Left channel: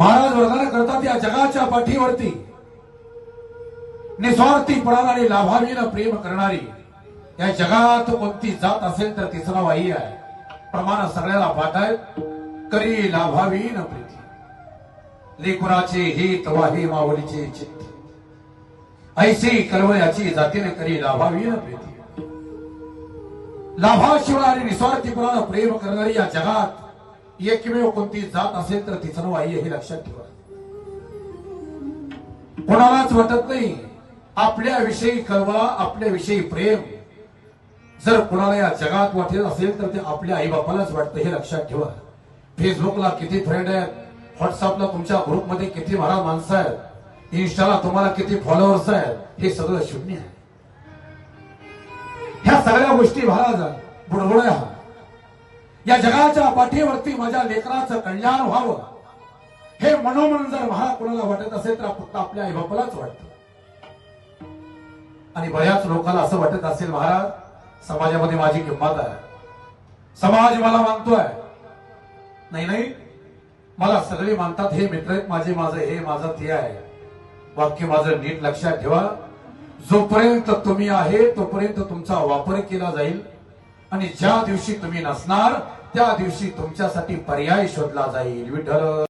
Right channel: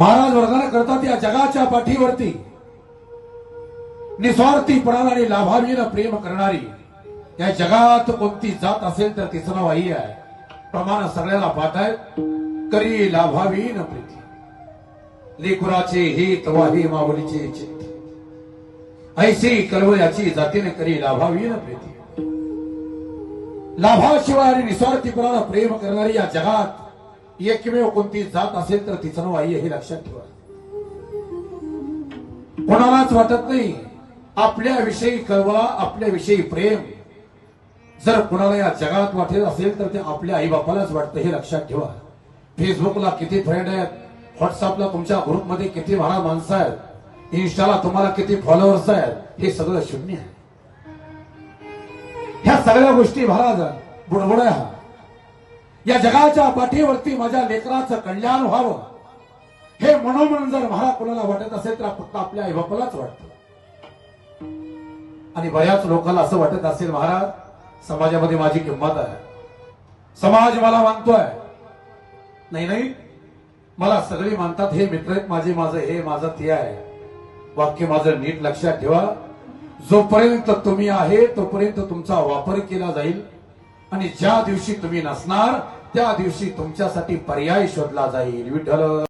महाराज वर्णन करतात या जगाच्या पाठीवरती निस्वार्थीपणाने आणि लाभावीनं प्रेम करणारी या जगात कोणती जात असेल तर तिचं नाव आई आहे. प्रमाण सगळ्याला पाठ आहे. करी लाभावीन प्रीती लेकुराचे हित वाही माऊलीचे चित्त ऐशी कर्वयाची जातीने करी लाभावीन प्रीती. लाभाशिवाय आणि निस्वार्थीपणानं प्रेम करणारी या जगात एकमेव कोणती जात असेल तर तिचं नाव आई हे लक्षात ठेवा. कोणालाच वाटत नाही आपल्याविषयी कळवा, आपल्याविषयी प्रेम जर कोणाला या जगात वाटत असेल तर ते आपल्या आई बापालाच वाटतं हे लक्षात ठेवा. फेसबुकला किती फ्रेंड आहेत, व्हॉट्सअपला तुमच्या ग्रुपमध्ये किती महाराज माणसं आहेत, इन्स्टाला तुम्हाला किती फॉलोअर्स आहेत, हे सगळं शून्य आहे. ह्या सगळ्या गोष्टी महाराज बुडबुड्या. या जगाच्या पाठीवरती माझ्या लेकराचं कल्याण व्हावं हे मनोमन जर महाराज कोणाला वाटत असेल तर फक्त आपल्या आई बापालाच वाटतं. आणि बऱ्याच लोकांना असं वाटत असेल महाराज समाजामध्ये माझी किंमत आहे, समाज मला मानतोय. नाही नाही, मला सगळे मानतात, हे मित्र आहेत माझे, माझं हे माझं ते आहे. वाक्य माझं नीट लक्षात ठेवा. जोपर्यंत तुम्ही आहे तोपर्यंत तुमचा वापर केला जाईल आणि ज्या दिवशी तुम्ही नसणार त्या दिवशी तुमच्यासाठी पर्याय शोधला जाईल. विठ्ठल